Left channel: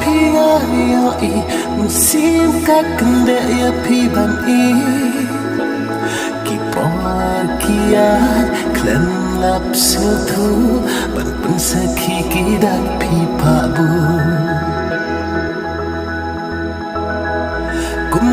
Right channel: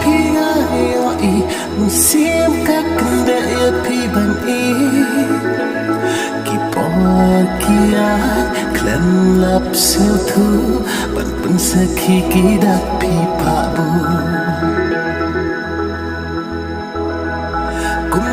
phi ngayo I musim ka kende ya phi ban I ki por kiat klen lap sil thu ban pun sakhi ki dak phi pa bu kum